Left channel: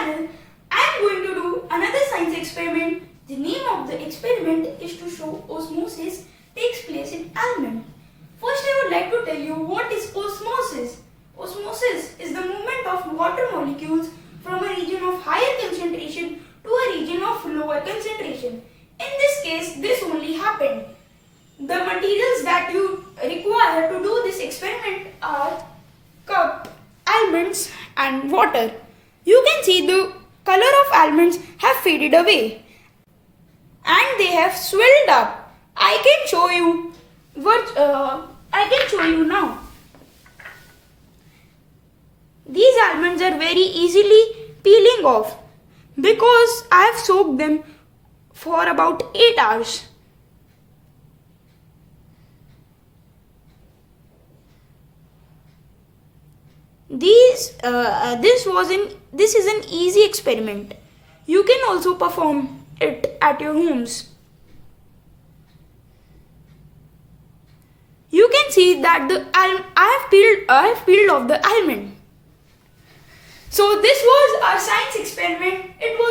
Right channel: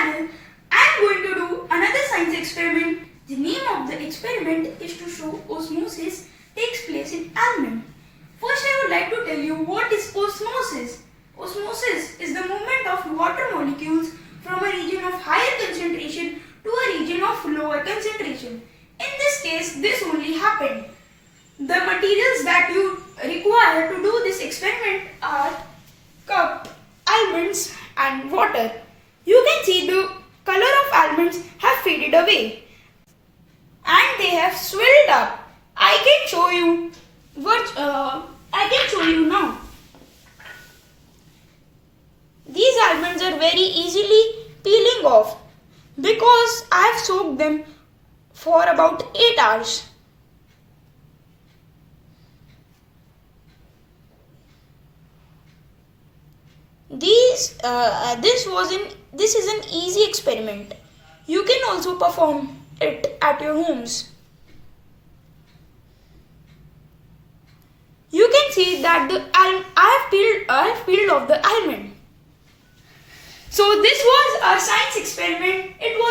channel. I am going to do another science experiment. The name of the experiment is to show osmosis takes place in almond. First I would like to tell you what is osmosis. Osmosis is the movement of water molecules from a region of higher concentration to a region of lower concentration. In this case, this only happened. The materials that you require to do this experiment are cup, almonds and water. You can see the color of almonds have faded away and they have swelled up. I can show you now. These almonds are very easily peeling off because I have soaked them for about 8 hours. This is an easy experiment. You can also perform it at your homes. You can see that I have peeled off the almond. So this was our science experiment. It was